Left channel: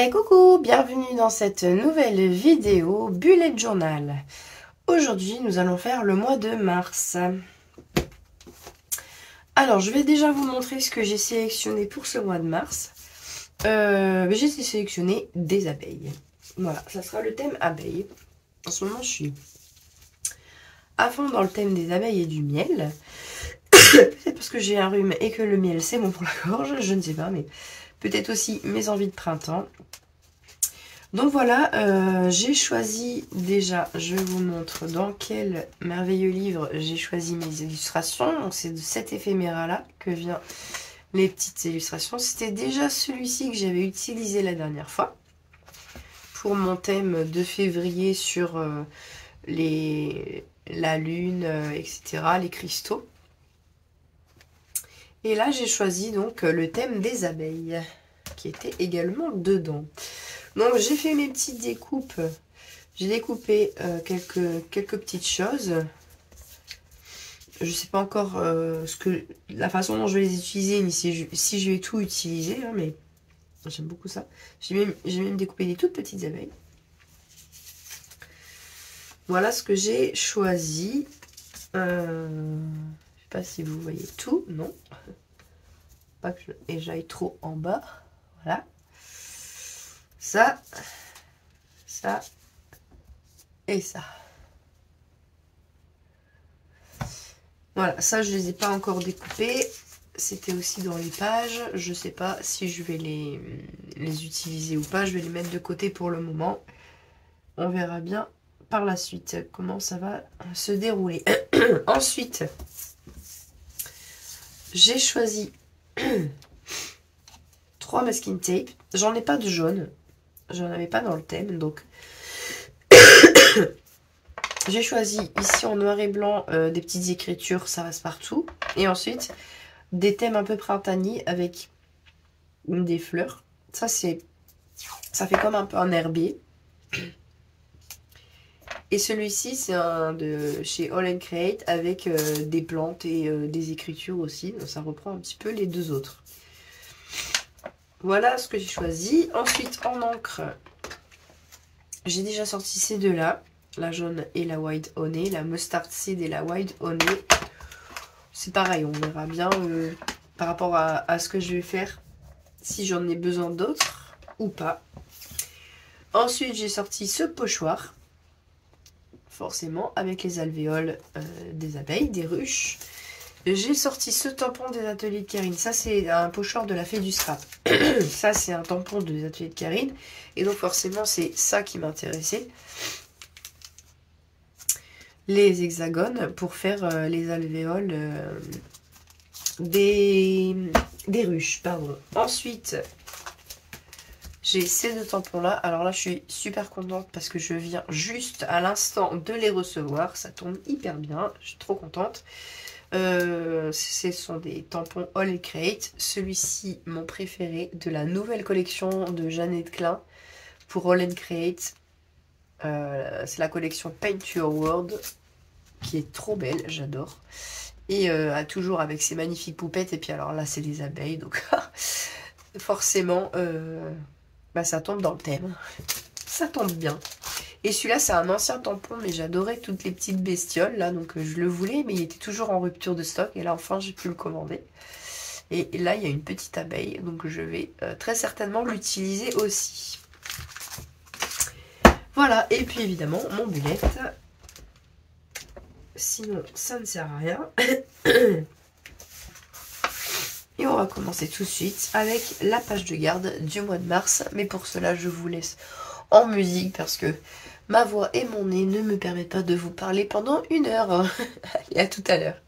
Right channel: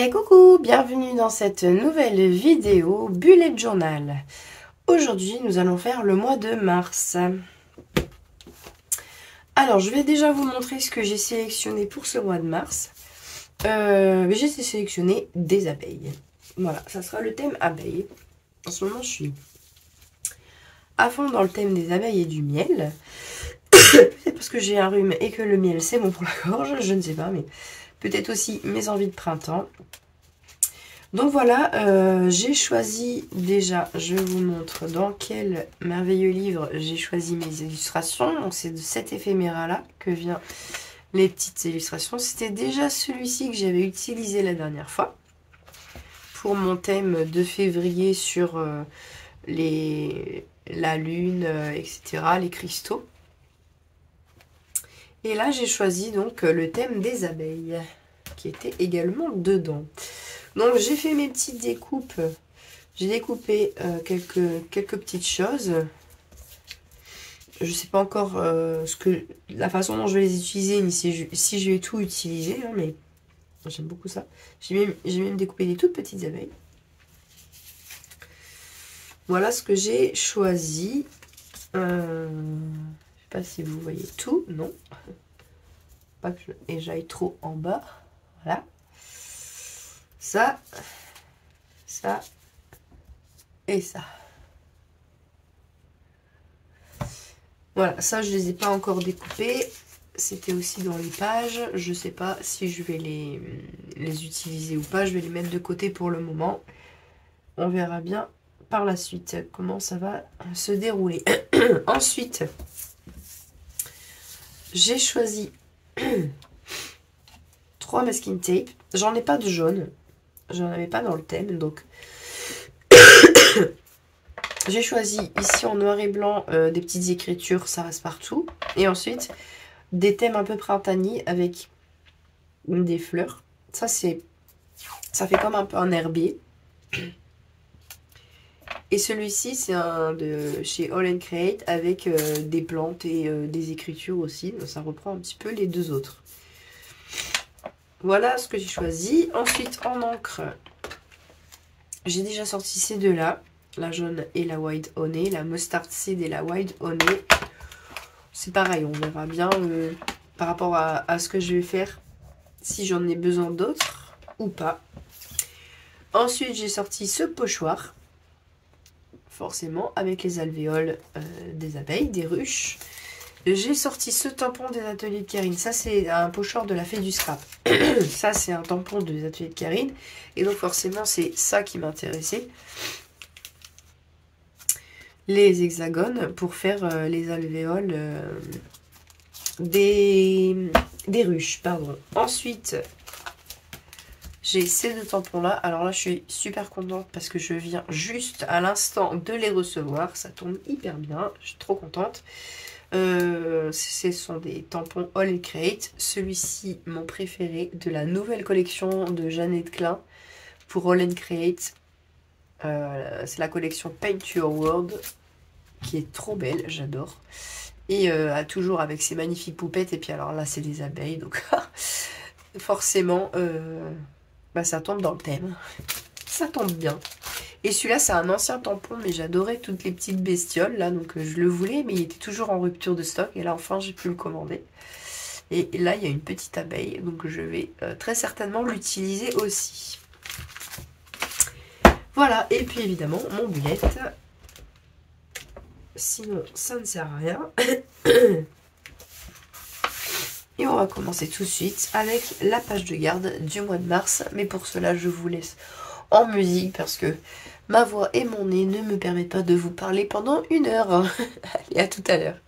Et coucou, bienvenue dans cette nouvelle vidéo Bullet Journal. Aujourd'hui, nous allons faire le mois de mars. Alors, je vais déjà vous montrer ce que j'ai sélectionné pour ce mois de mars. J'ai sélectionné des abeilles. Voilà, ça sera le thème abeilles. En ce moment, je suis à fond dans le thème des abeilles et du miel. C'est parce que j'ai un rhume et que le miel, c'est bon pour la gorge, je ne sais pas, mais peut-être aussi mes envies de printemps. Donc voilà, j'ai choisi déjà, je vous montre dans quel merveilleux livre j'ai choisi mes illustrations. Donc c'est de cet éphéméra-là que viennent les petites illustrations. C'était déjà celui-ci que j'avais utilisé la dernière fois pour mon thème de février sur la lune, etc., les cristaux. Et là, j'ai choisi donc le thème des abeilles, qui était également dedans. Donc, j'ai fait mes petites découpes. J'ai découpé quelques petites choses. Je ne sais pas encore la façon dont je vais les utiliser, ni si je vais tout utiliser, hein, mais j'aime beaucoup ça. J'ai même découpé des toutes petites abeilles. Voilà ce que j'ai choisi. Je ne sais pas si vous voyez tout, non. Pas que j'aille trop en bas. Voilà. Ça et ça. Voilà, ça je les ai pas encore découpés. C'était aussi dans les pages. Je sais pas si je vais les utiliser ou pas. Je vais les mettre de côté pour le moment. On verra bien par la suite comment ça va se dérouler. Ensuite, j'ai choisi 3 masking tape. J'en ai pas de jaune. J'en avais pas dans le thème, donc j'ai choisi ici en noir et blanc des petites écritures, ça reste partout. Et ensuite, des thèmes un peu printaniers avec des fleurs. Ça fait comme un peu un herbier. Et celui-ci, c'est un de chez All & Create avec des plantes et des écritures aussi. Donc ça reprend un petit peu les deux autres. Voilà ce que j'ai choisi. Ensuite, en encre, j'ai déjà sorti ces deux-là. La jaune et la white honey. La mustard seed et la white honey. C'est pareil, on verra bien par rapport à ce que je vais faire. Si j'en ai besoin d'autres ou pas. Ensuite, j'ai sorti ce pochoir. Forcément, avec les alvéoles des abeilles, des ruches. J'ai sorti ce tampon des ateliers de Karine. Ça, c'est un pochoir de la fée du scrap. Ça, c'est un tampon des ateliers de Karine. Et donc, forcément, c'est ça qui m'intéressait. Les hexagones pour faire les alvéoles des ruches. Pardon. Ensuite, j'ai ces deux tampons-là. Alors là, je suis super contente parce que je viens juste à l'instant de les recevoir. Ça tombe hyper bien. Je suis trop contente. Ce sont des tampons All & Create. Celui-ci, mon préféré de la nouvelle collection de Jeannette Klein pour All & Create. C'est la collection Paint Your World qui est trop belle, j'adore. Et toujours avec ses magnifiques poupettes. Et puis alors là, c'est des abeilles. Donc forcément, ça tombe dans le thème. Ça tombe bien. Et celui-là, c'est un ancien tampon, mais j'adorais toutes les petites bestioles, là, donc je le voulais, mais il était toujours en rupture de stock, et là, enfin, j'ai pu le commander. Et là, il y a une petite abeille, donc je vais très certainement l'utiliser aussi. Voilà, et puis évidemment, mon bullet. Sinon, ça ne sert à rien. Et on va commencer tout de suite avec la page de garde du mois de mars, mais pour cela, je vous laisse en musique, parce que ma voix et mon nez ne me permettent pas de vous parler pendant 1 heure. Allez, à tout à l'heure.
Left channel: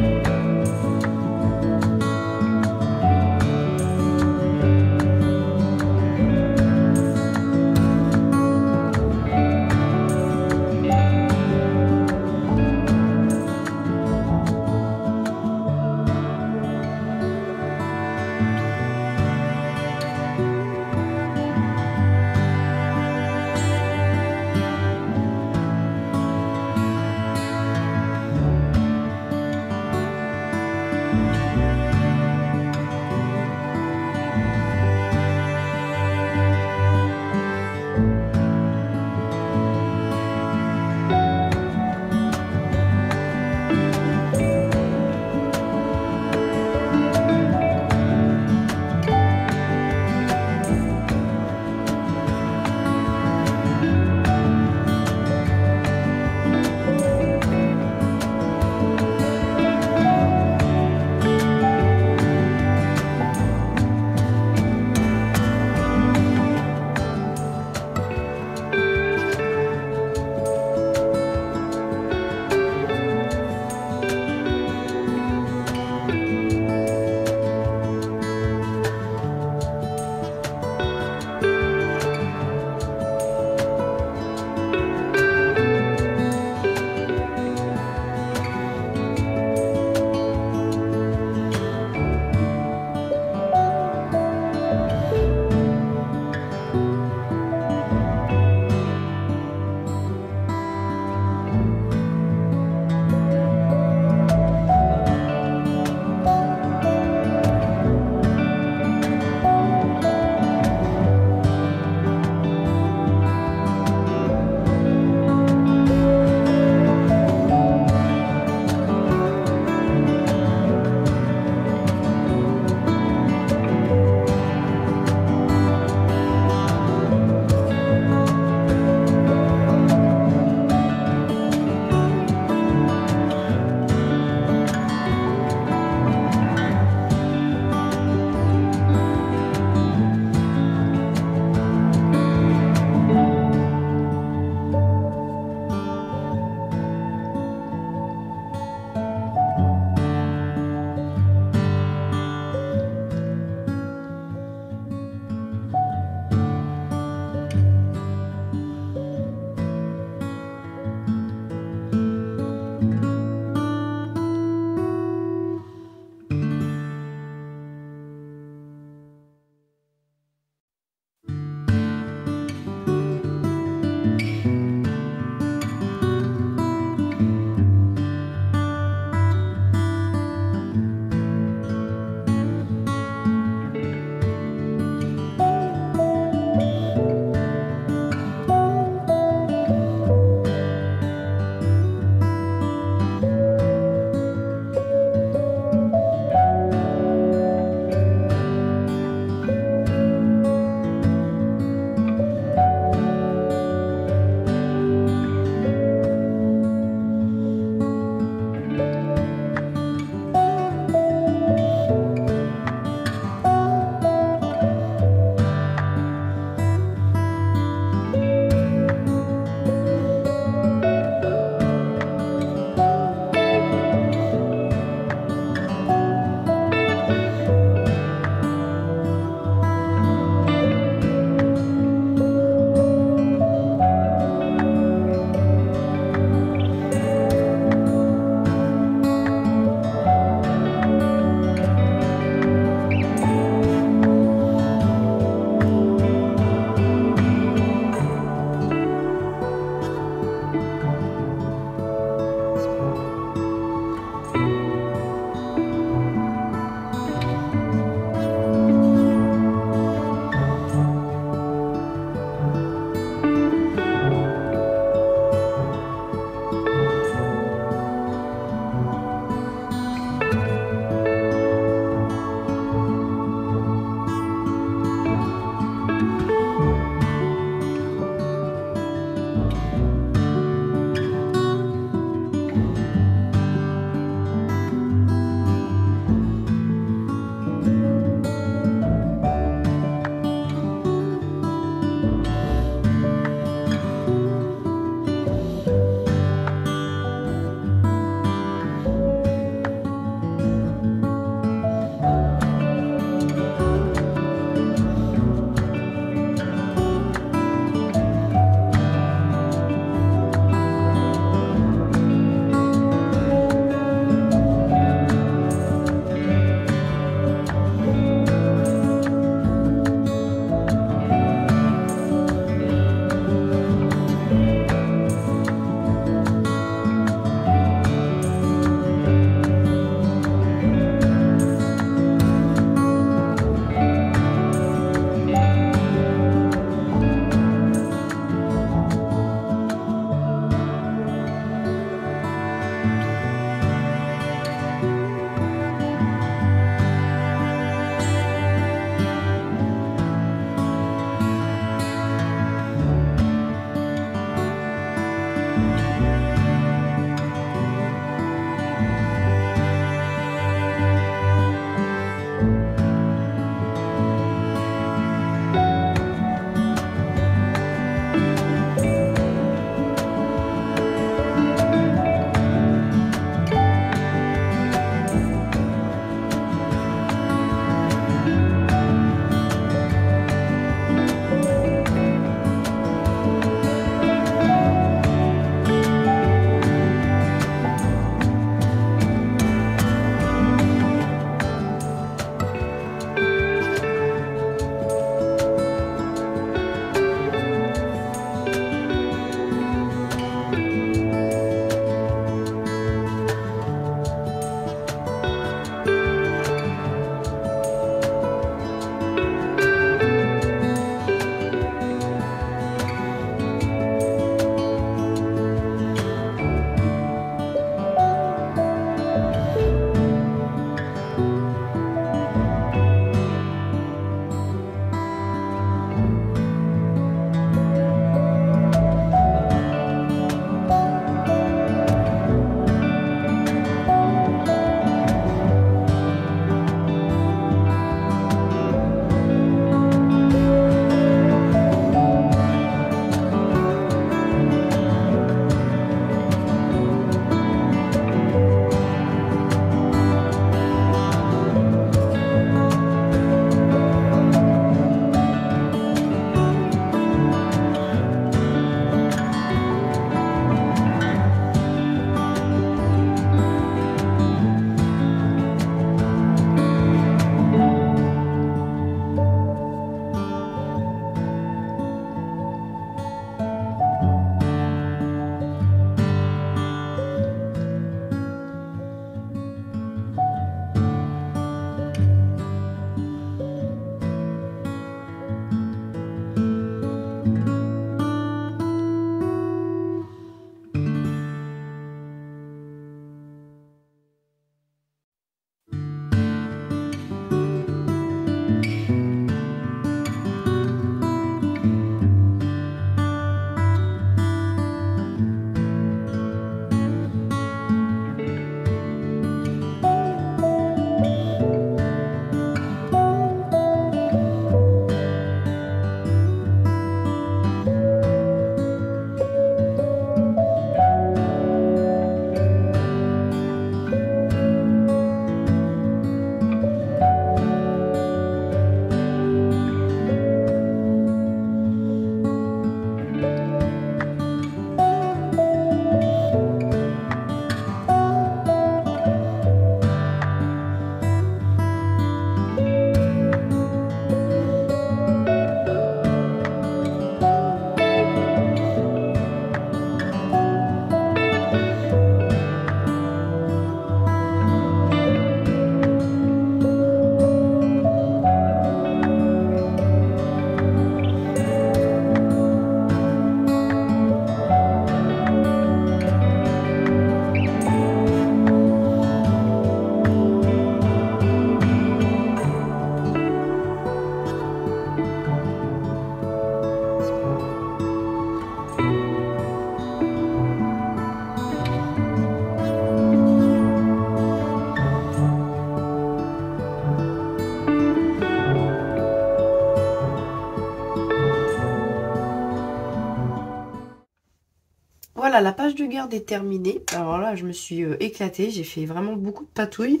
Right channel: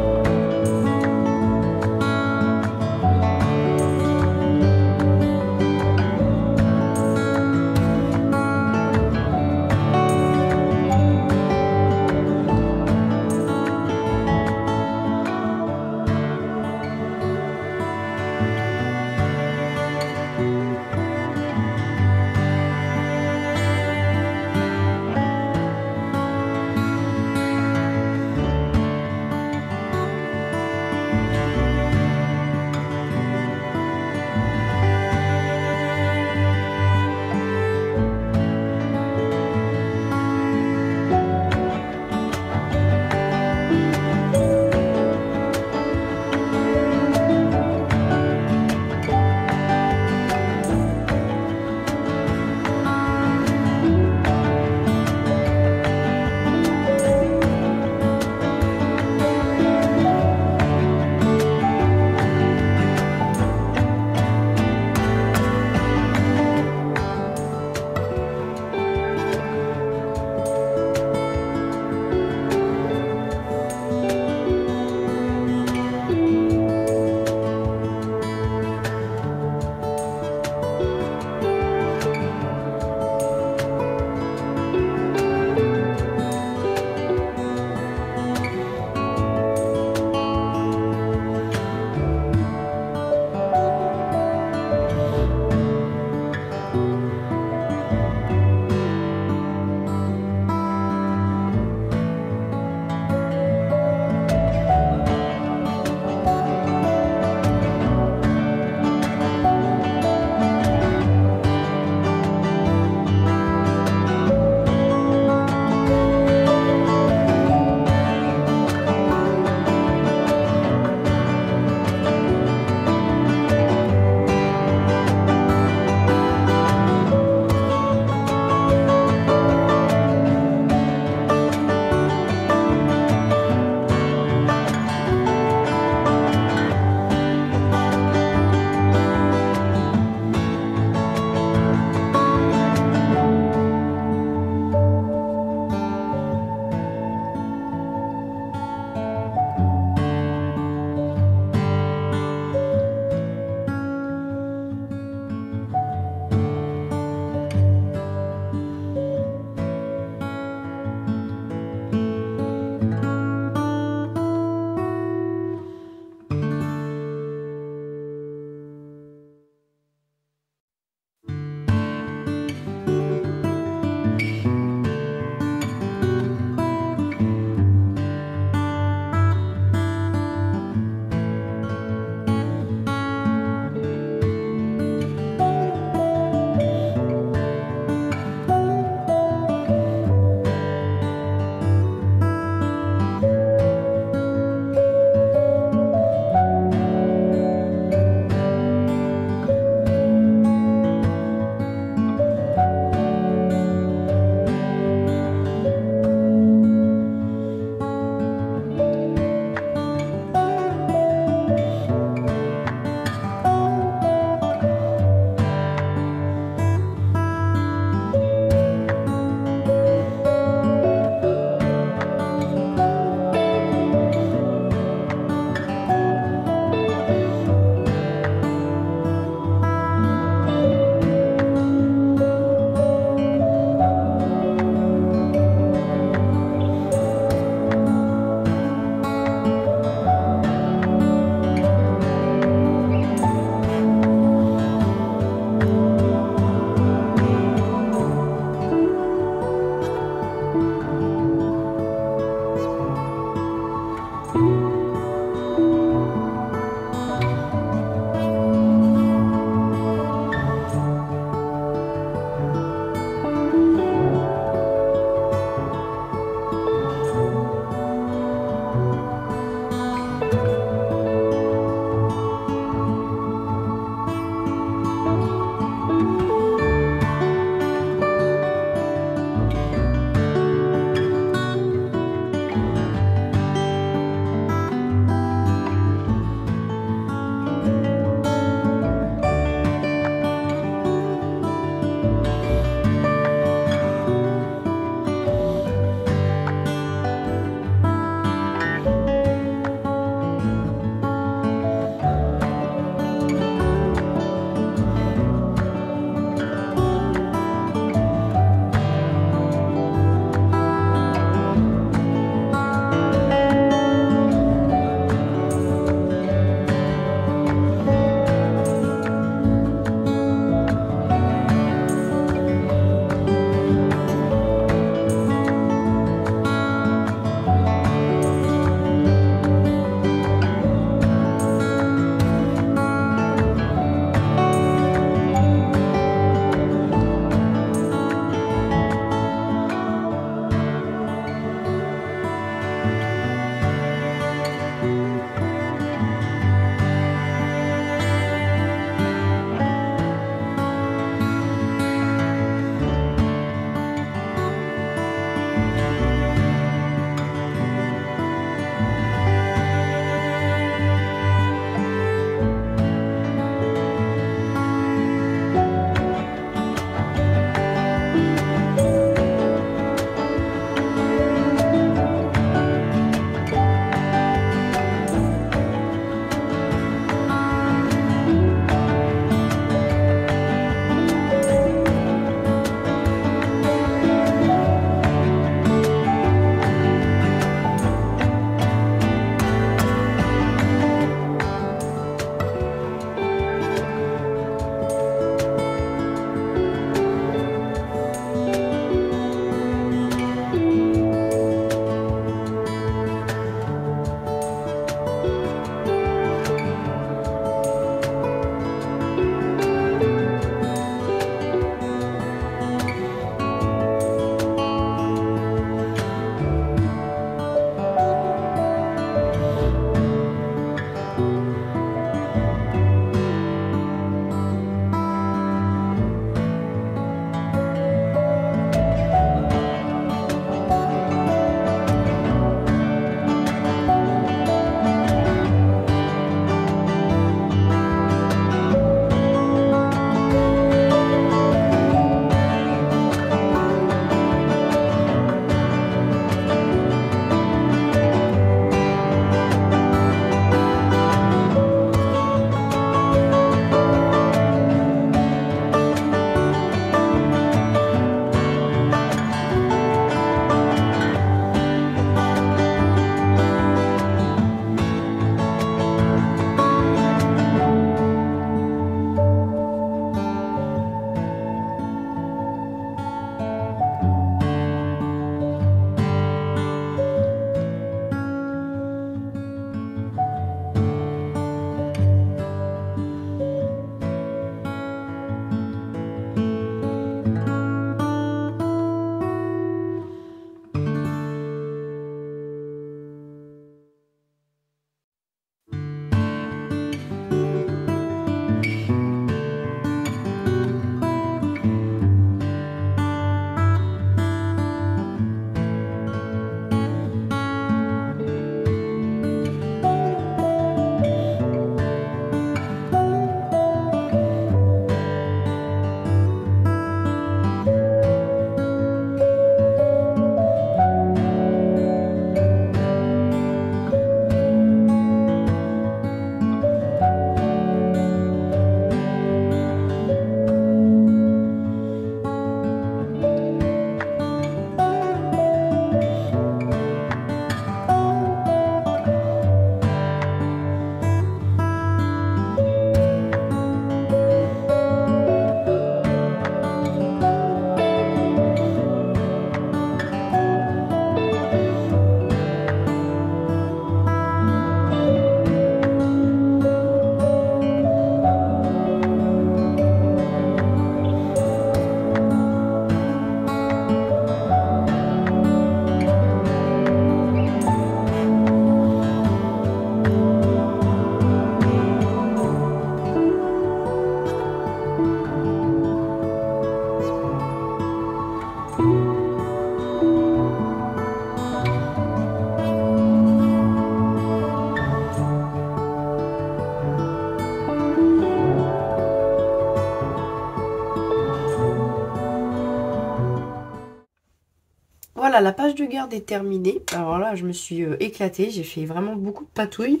voilà, la page de garde est terminée. Alors là, je me suis éclatée. J'ai fait vraiment beaucoup de patouilles.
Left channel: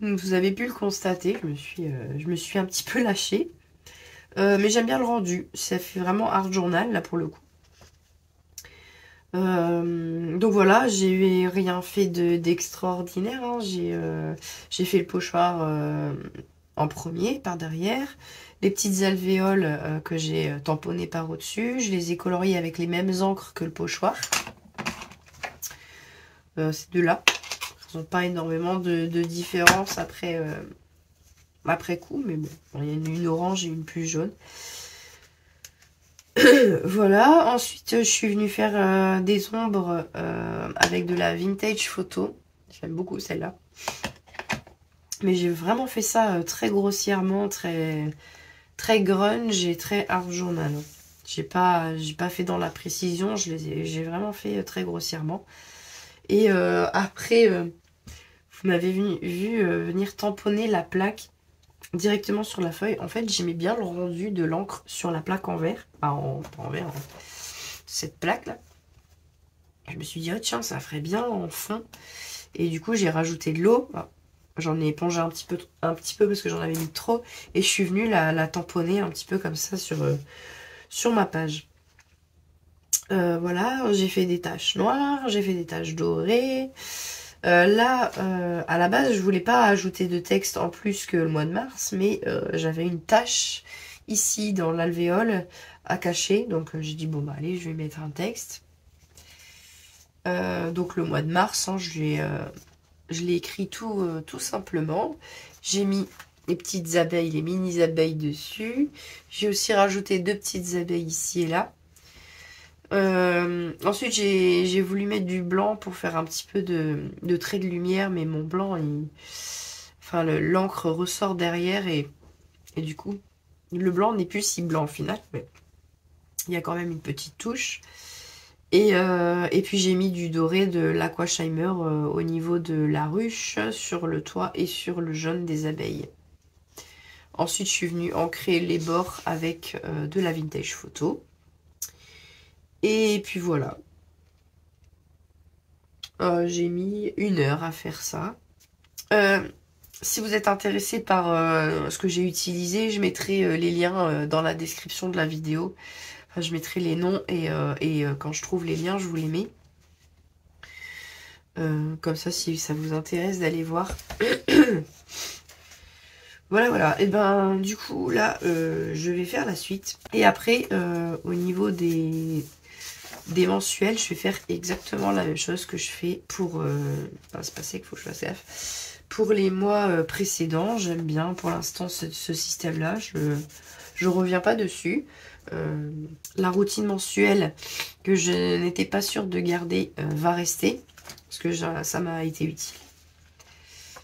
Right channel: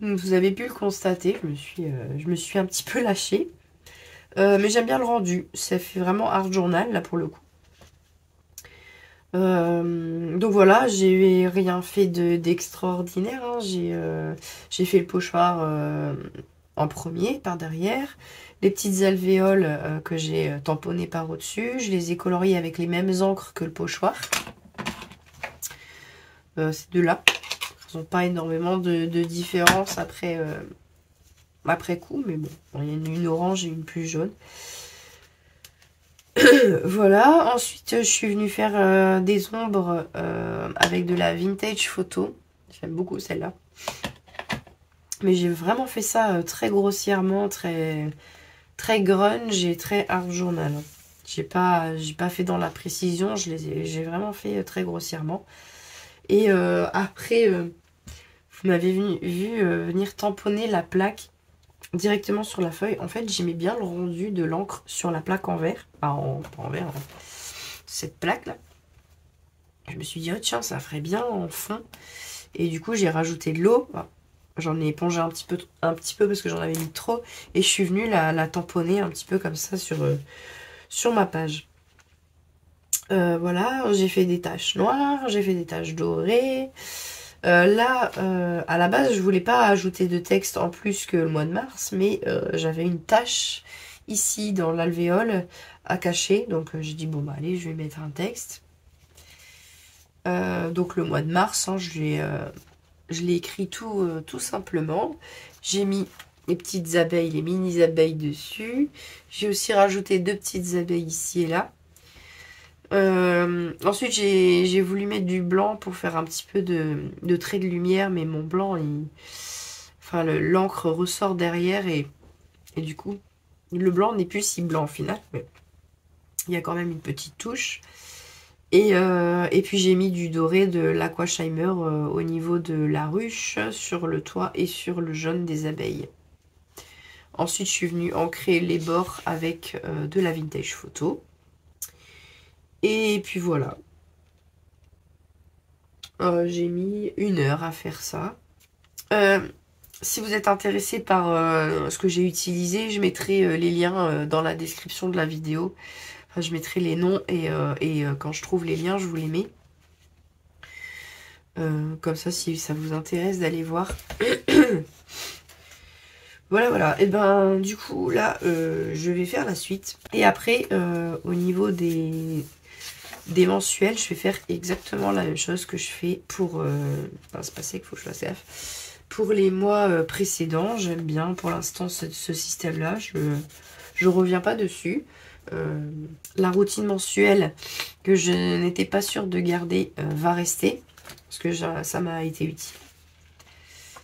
Vous avez pu le constater. Je me suis un petit peu lâchée. Mais j'aime bien le rendu. Ça fait vraiment art journal, là, pour le coup. Donc voilà, j'ai rien fait d'extraordinaire. Hein. J'ai fait le pochoir en premier, par derrière. Les petites alvéoles que j'ai tamponnées par au-dessus. Je les ai coloriées avec les mêmes encres que le pochoir. Ces deux-là. Ils n'ont pas énormément de différence après coup. Mais bon, il y en a une orange et une plus jaune. Voilà, ensuite je suis venue faire des ombres avec de la vintage photo. J'aime beaucoup celle-là. Mais j'ai vraiment fait ça très grossièrement, très grunge et très art journal. J'ai pas fait dans la précision, j'ai vraiment fait très grossièrement. Et après, vous m'avez vu venir tamponner la plaque directement sur la feuille. En fait, j'aimais bien le rendu de l'encre sur la plaque en verre. Pas en verre, hein. Cette plaque-là. Je me suis dit, oh tiens, ça ferait bien en fond. Et du coup, j'ai rajouté de l'eau. J'en ai épongé un petit peu parce que j'en avais mis trop. Et je suis venue la tamponner un petit peu comme ça sur ma page. Voilà, j'ai fait des taches noires, j'ai fait des taches dorées. Là, à la base, je voulais pas ajouter de texte en plus que le mois de mars, mais j'avais une tache ici dans l'alvéole à cacher. Donc j'ai dit, bon bah allez, je vais mettre un texte. Donc le mois de mars, hein, je l'ai écrit tout simplement. J'ai mis les petites abeilles, les mini abeilles dessus. J'ai aussi rajouté 2 petites abeilles ici et là. Ensuite j'ai voulu mettre du blanc pour faire un petit peu de trait de lumière, mais mon blanc, l'encre ressort derrière et du coup le blanc n'est plus si blanc au final, mais il y a quand même une petite touche. Et puis j'ai mis du doré de l'Aquasheimer au niveau de la ruche, sur le toit et sur le jaune des abeilles. Ensuite je suis venue ancrer les bords avec de la vintage photo. Et puis voilà. J'ai mis 1 heure à faire ça. Si vous êtes intéressé par ce que j'ai utilisé, je mettrai les liens dans la description de la vidéo. Enfin, je mettrai les noms et quand je trouve les liens, je vous les mets. Comme ça, si ça vous intéresse d'aller voir. Voilà. Et ben, du coup, là, je vais faire la suite. Et après, au niveau des mensuels, je vais faire exactement la même chose que je fais pour... c'est pas ça qu'il faut que je fasse gaffe. Pour les mois précédents, j'aime bien pour l'instant ce système-là. Je reviens pas dessus. La routine mensuelle que je n'étais pas sûre de garder va rester. Parce que ça m'a été utile.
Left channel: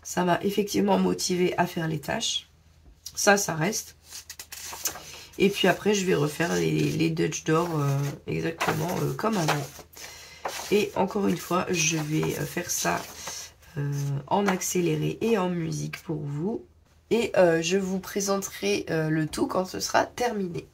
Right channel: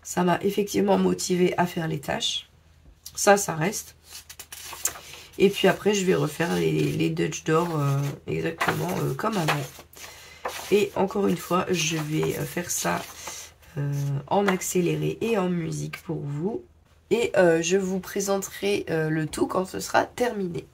Ça m'a effectivement motivé à faire les tâches. Ça reste. Et puis après, je vais refaire les Dutch d'or exactement comme avant. Et encore une fois, je vais faire ça en accéléré et en musique pour vous. Et je vous présenterai le tout quand ce sera terminé.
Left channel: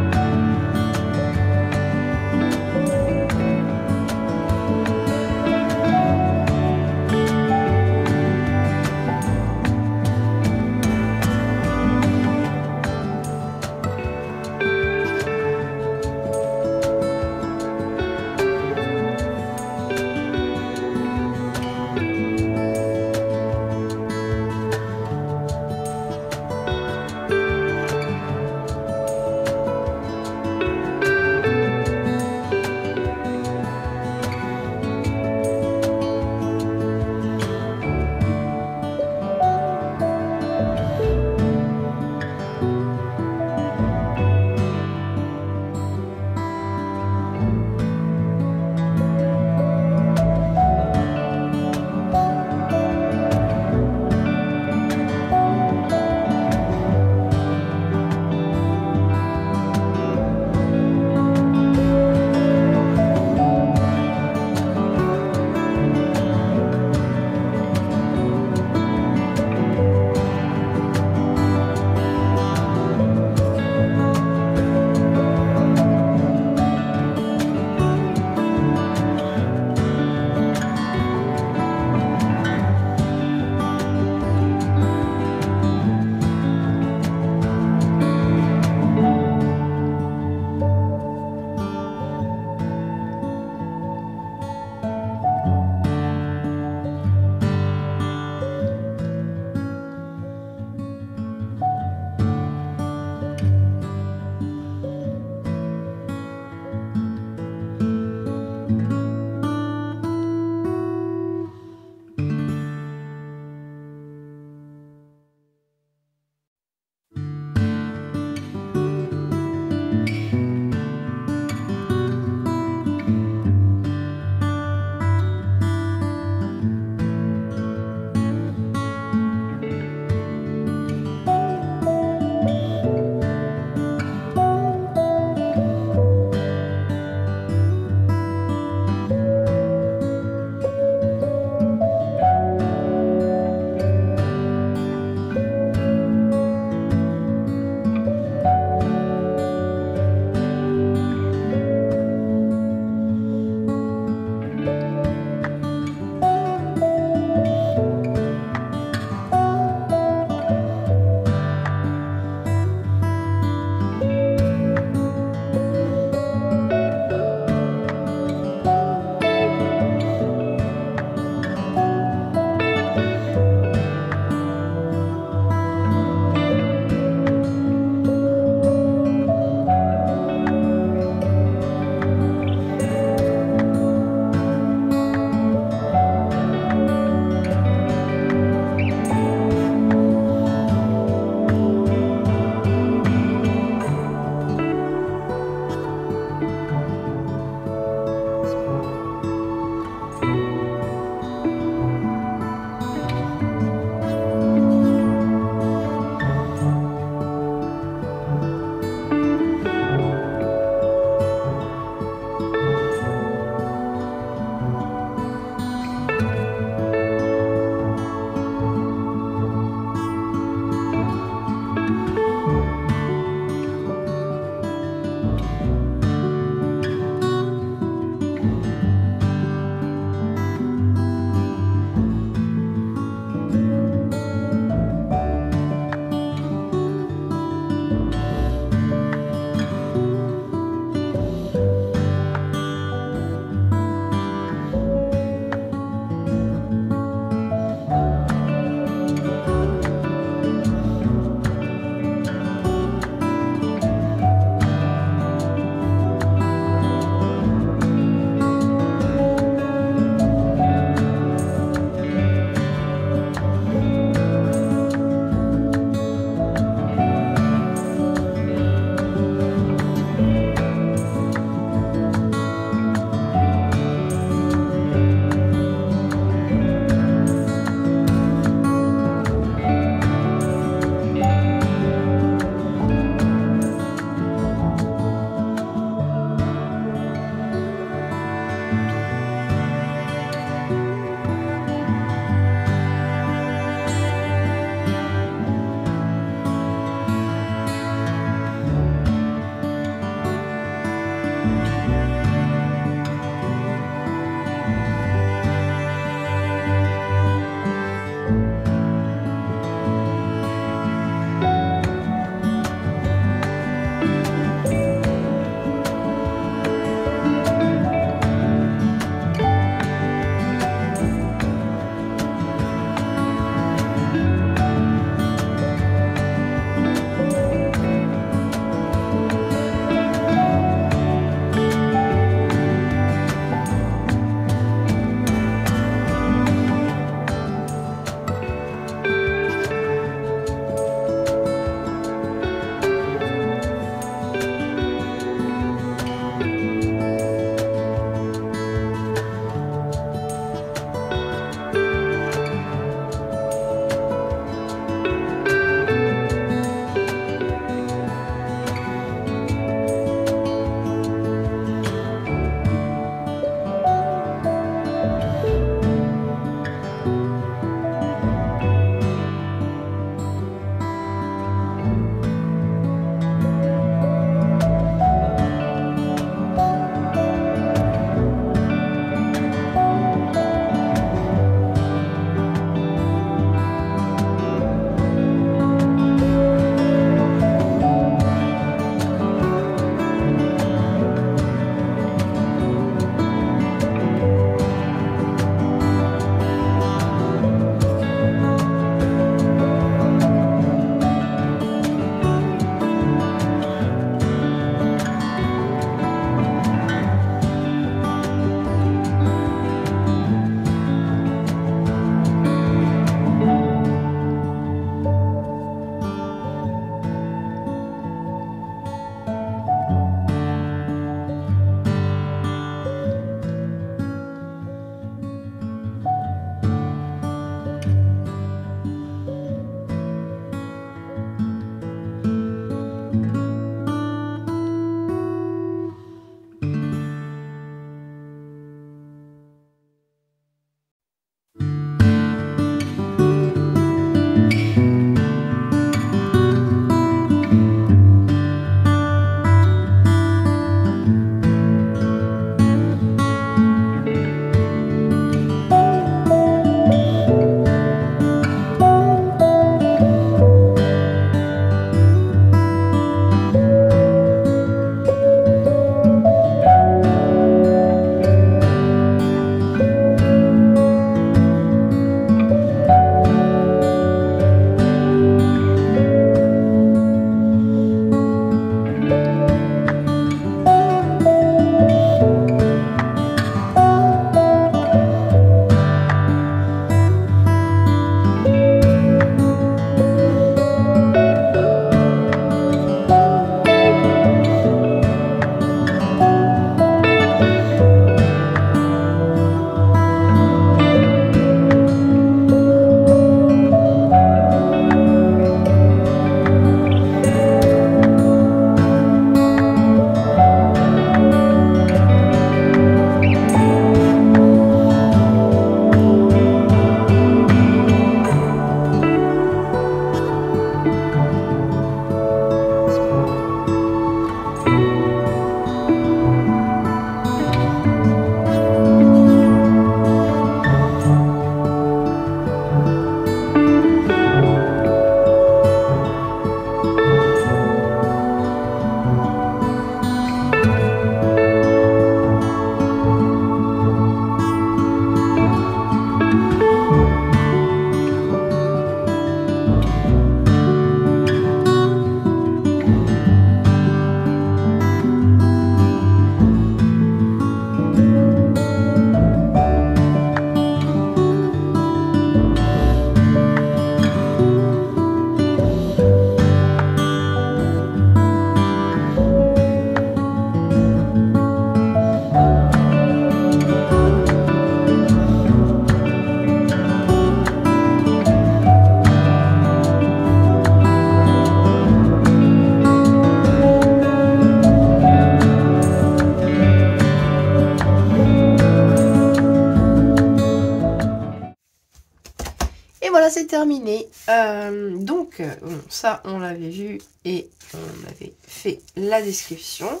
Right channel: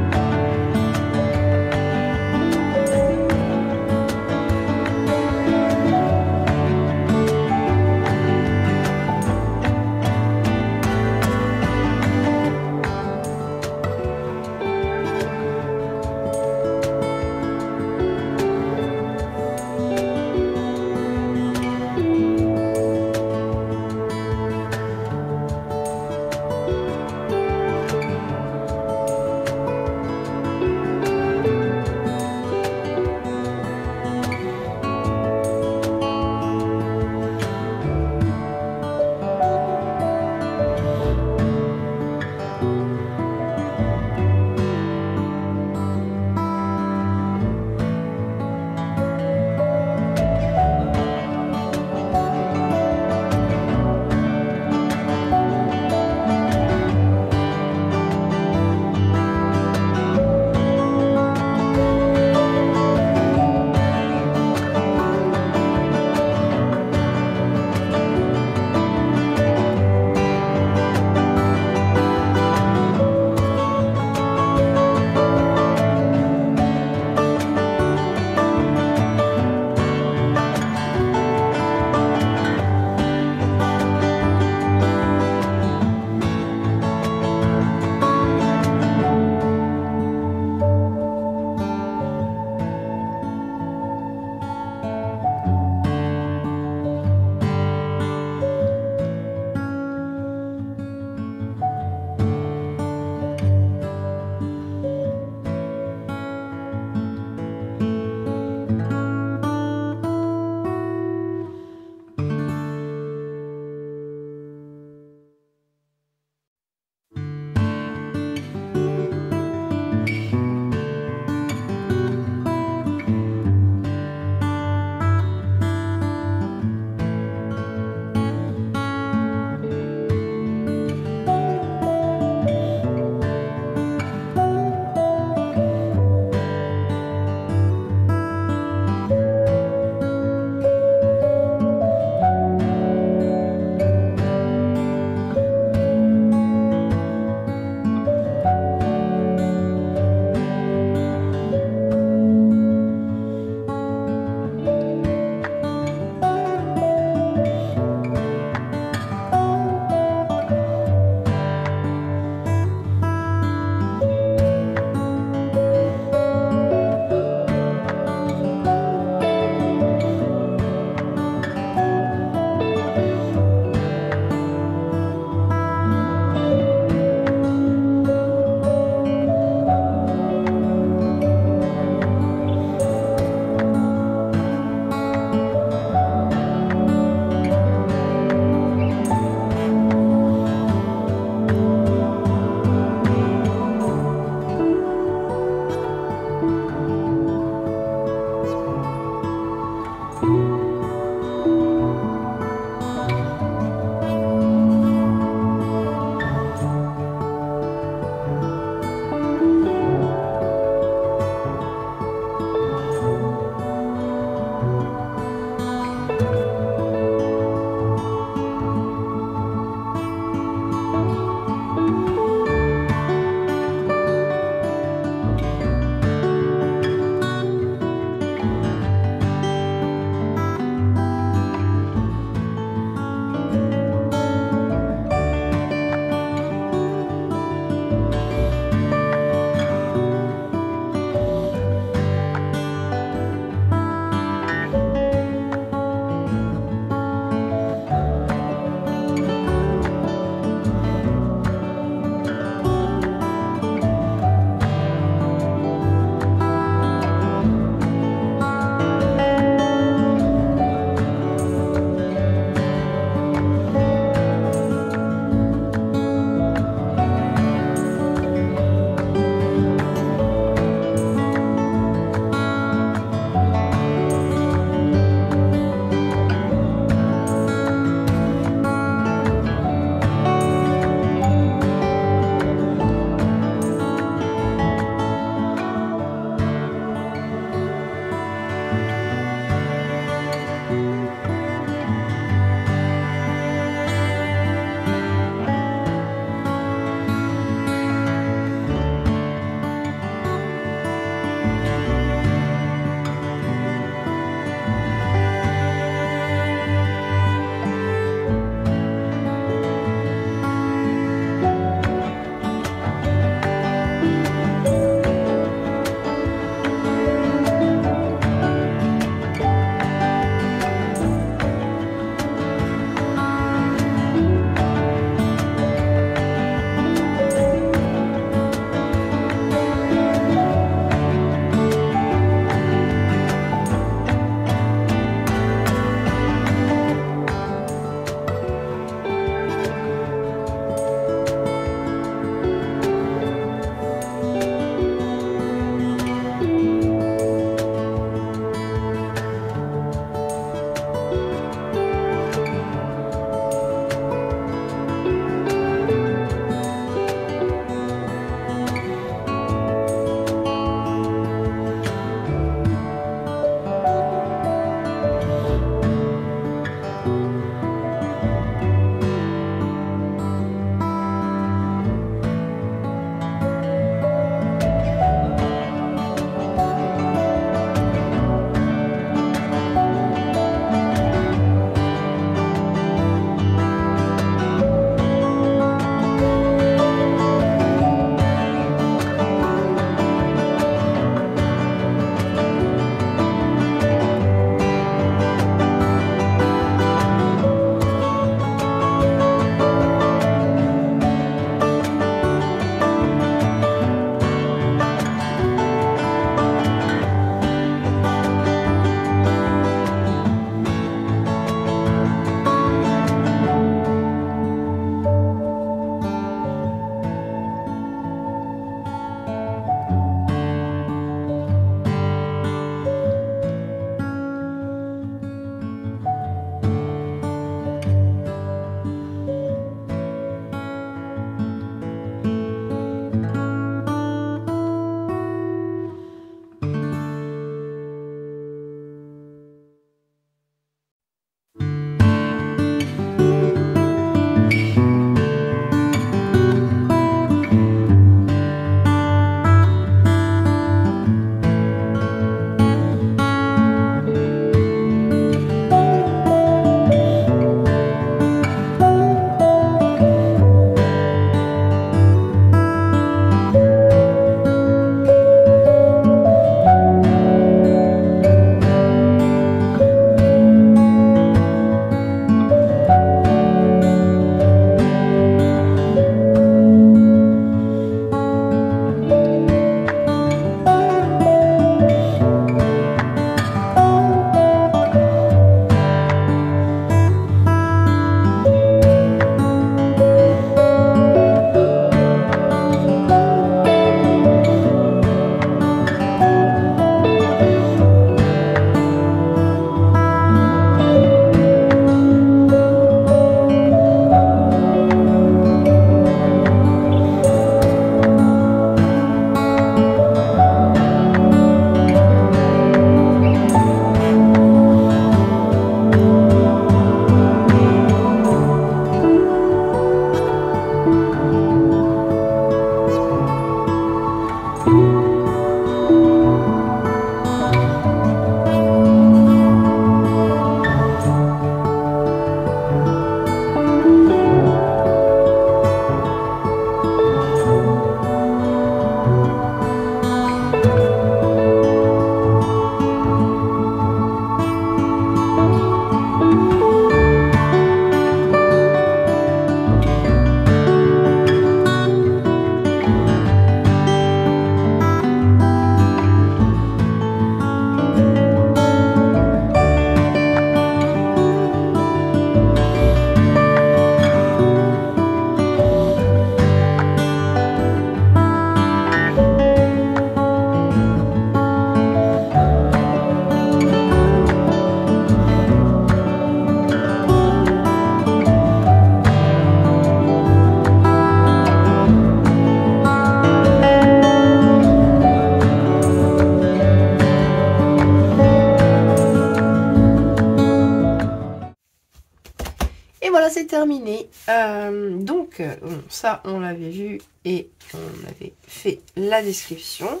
c'est terminé. Donc, bon, ça, on l'avait vu et on avait fait la description.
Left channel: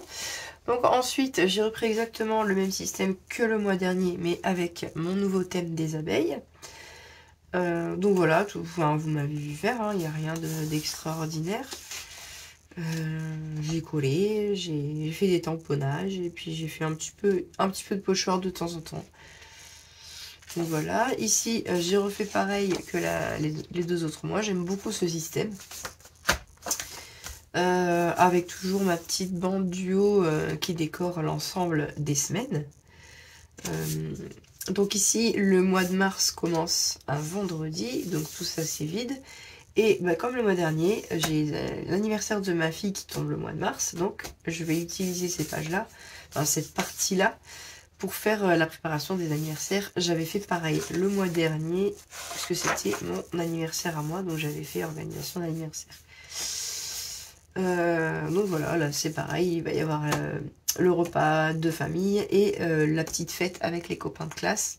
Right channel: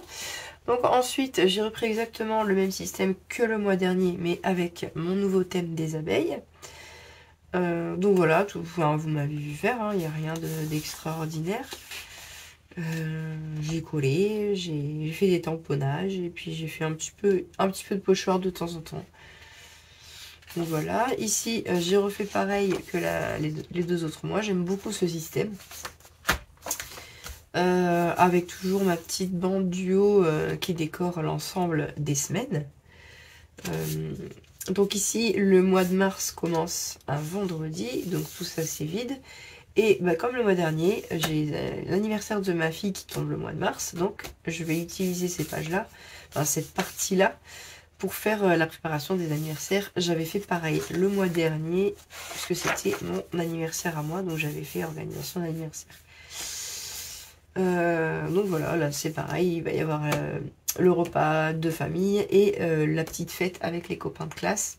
Donc ensuite, j'ai repris exactement le même système que le mois dernier, mais avec mon nouveau thème des abeilles. Donc voilà, tout, enfin, vous m'avez vu faire, il n'y a rien d'extraordinaire. J'ai collé, j'ai fait des tamponnages et puis j'ai fait un petit peu de pochoir de temps en temps. Donc voilà, ici j'ai refait pareil que les deux autres mois. J'aime beaucoup ce système. Avec toujours ma petite bande duo qui décore l'ensemble des semaines. Donc ici, le mois de mars commence un vendredi, donc tout ça c'est vide. Et bah, comme le mois dernier, j'ai l'anniversaire de ma fille qui tombe le mois de mars, donc je vais utiliser ces pages-là, enfin cette partie-là, pour faire la préparation des anniversaires. J'avais fait pareil le mois dernier, puisque c'était mon anniversaire à moi, donc j'avais fait organisation d'anniversaire. Donc voilà, là c'est pareil, il va y avoir le repas de famille et la petite fête avec les copains de classe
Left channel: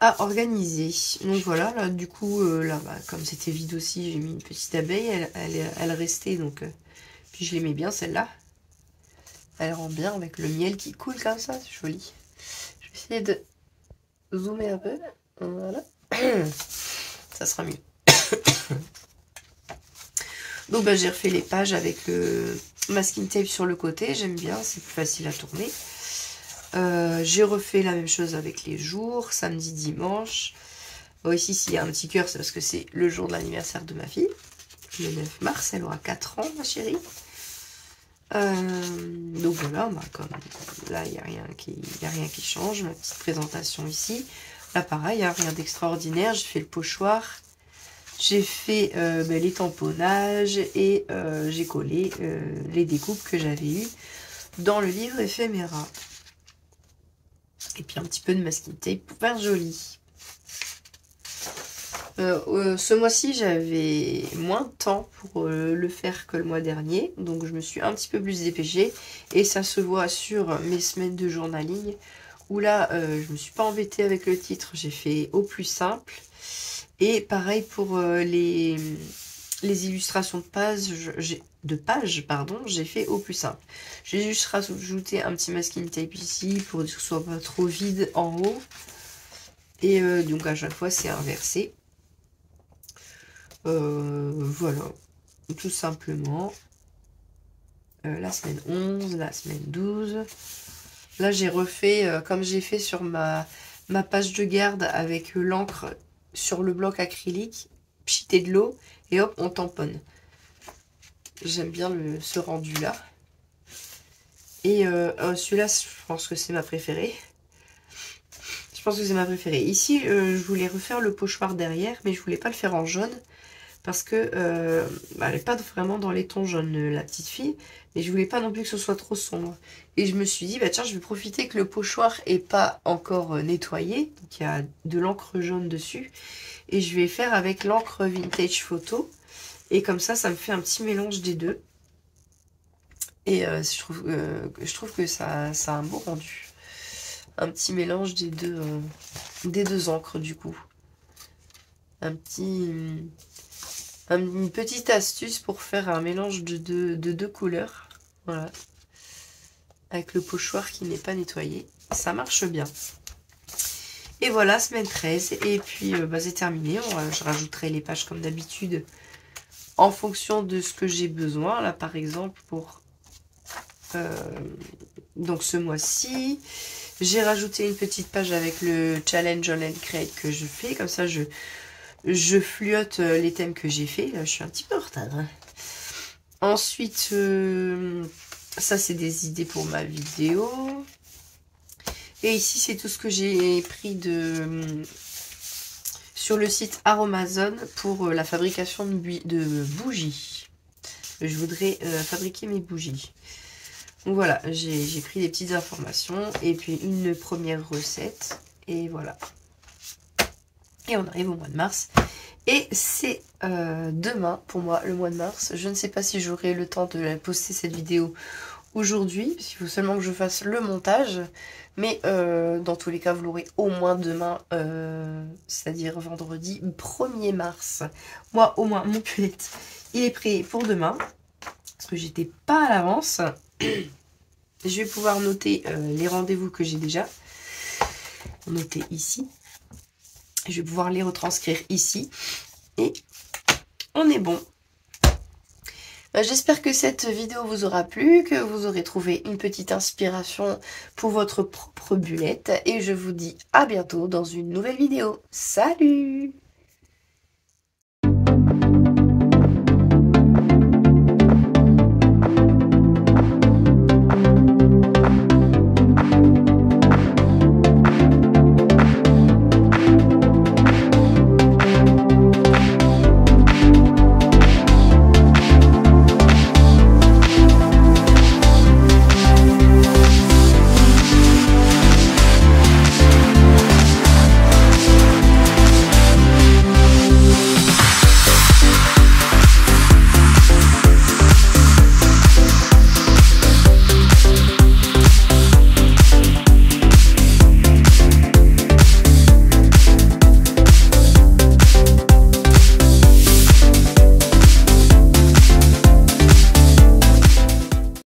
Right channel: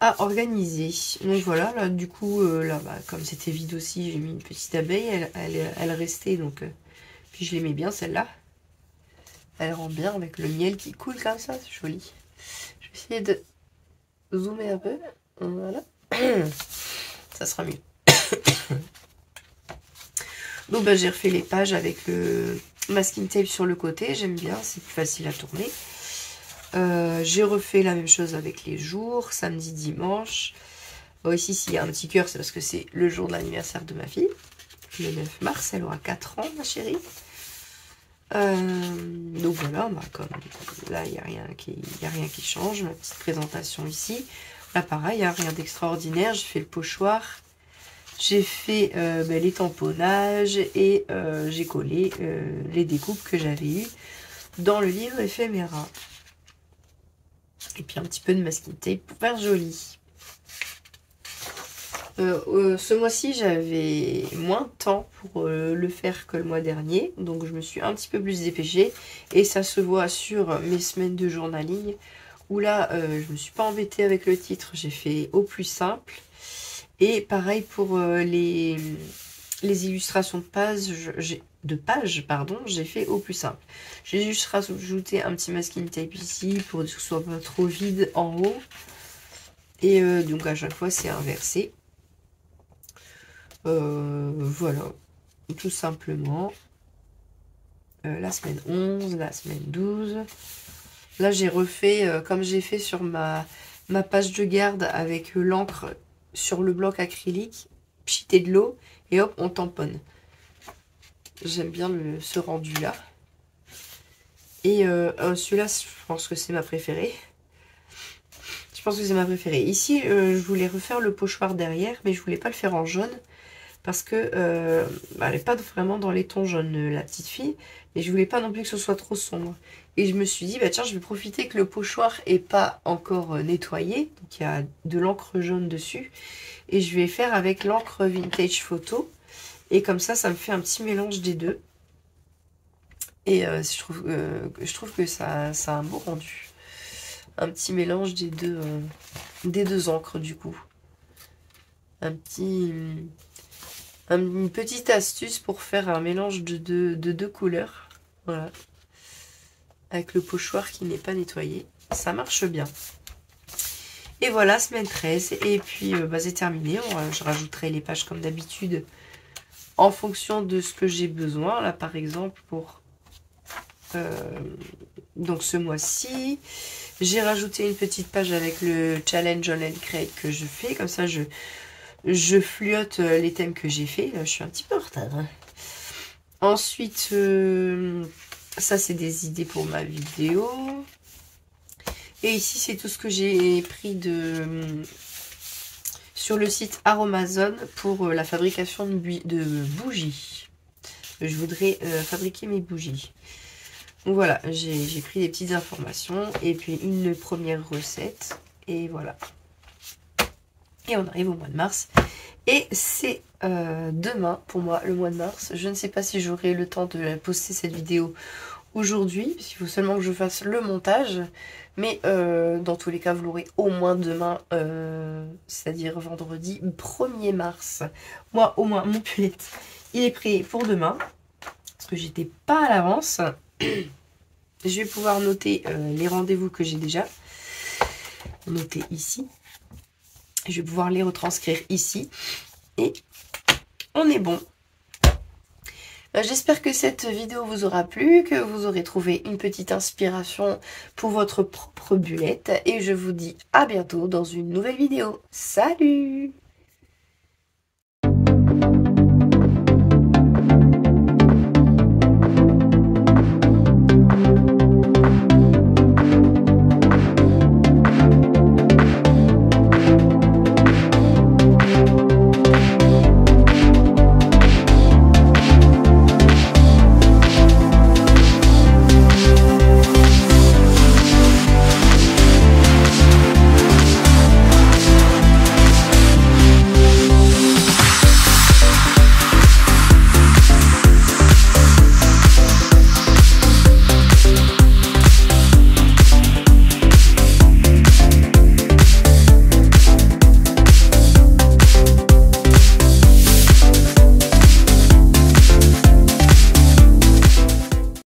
à organiser. Donc voilà, là du coup, là bah, comme c'était vide aussi, j'ai mis une petite abeille, elle restait, donc puis je l'aimais bien celle-là. Elle rend bien avec le miel qui coule comme ça, c'est joli. Je vais essayer de zoomer un peu, voilà, ça sera mieux. Donc bah, j'ai refait les pages avec le masking tape sur le côté, j'aime bien, c'est plus facile à tourner. J'ai refait la même chose avec les jours, samedi, dimanche. Bon, ici, s'il y a un petit cœur, c'est parce que c'est le jour de l'anniversaire de ma fille. Le 9 mars, elle aura 4 ans, ma chérie. Donc voilà, bah, comme là, il n'y a rien qui change. Ma petite présentation ici. Là, pareil, il n'y a rien d'extraordinaire. J'ai fait le pochoir. J'ai fait les tamponnages et j'ai collé les découpes que j'avais eues dans le livre éphéméra. Et puis un petit peu de masking tape pour faire joli. Ce mois-ci, j'avais moins de temps pour le faire que le mois dernier. Donc je me suis un petit peu plus dépêchée. Et ça se voit sur mes semaines de journaling. Où là, je me suis pas embêtée avec le titre. J'ai fait au plus simple. Et pareil pour les illustrations de pages, j'ai fait au plus simple. J'ai juste rajouté un petit masking tape ici pour que ce soit pas trop vide en haut. Et donc à chaque fois c'est inversé. Voilà, tout simplement. La semaine 11, la semaine 12. Là j'ai refait comme j'ai fait sur ma page de garde avec l'encre sur le bloc acrylique, pchiter de l'eau et hop on tamponne. J'aime bien ce rendu là. Et celui-là, je pense que c'est ma préférée. Ici, je voulais refaire le pochoir derrière, mais je voulais pas le faire en jaune. Parce que elle n'est pas vraiment dans les tons jaunes, la petite fille. Et je voulais pas non plus que ce soit trop sombre. Et je me suis dit, bah tiens, je vais profiter que le pochoir n'est pas encore nettoyé. Donc il y a de l'encre jaune dessus. Et je vais faire avec l'encre vintage photo. Et comme ça me fait un petit mélange des deux. Et je trouve que ça a un beau rendu. Un petit mélange des deux encres du coup. Une petite astuce pour faire un mélange de deux couleurs. Voilà. Avec le pochoir qui n'est pas nettoyé. Ça marche bien. Et voilà, semaine 13. Et puis c'est terminé. Je rajouterai les pages comme d'habitude en fonction de ce que j'ai besoin. Là par exemple pour donc ce mois-ci, j'ai rajouté une petite page avec le challenge online create que je fais. Comme ça je fluote les thèmes que j'ai fait. Là, je suis un petit peu en retard. Hein. Ensuite, ça c'est des idées pour ma vidéo. Et ici c'est tout ce que j'ai pris sur le site Aromazone pour la fabrication de bougies. Je voudrais fabriquer mes bougies. Donc voilà, j'ai pris des petites informations et puis une première recette. Et voilà. Et on arrive au mois de mars. Et c'est demain pour moi, le mois de mars. Je ne sais pas si j'aurai le temps de poster cette vidéo aujourd'hui, parce qu'il faut seulement que je fasse le montage. Mais dans tous les cas, vous l'aurez au moins demain, c'est-à-dire vendredi 1er mars. Moi, au moins, mon pull, il est prêt pour demain. Parce que j'étais pas à l'avance. Je vais pouvoir noter les rendez-vous que j'ai déjà notés ici. Je vais pouvoir les retranscrire ici. Et on est bon. J'espère que cette vidéo vous aura plu, que vous aurez trouvé une petite inspiration pour votre propre bullette. Et je vous dis à bientôt dans une nouvelle vidéo. Salut!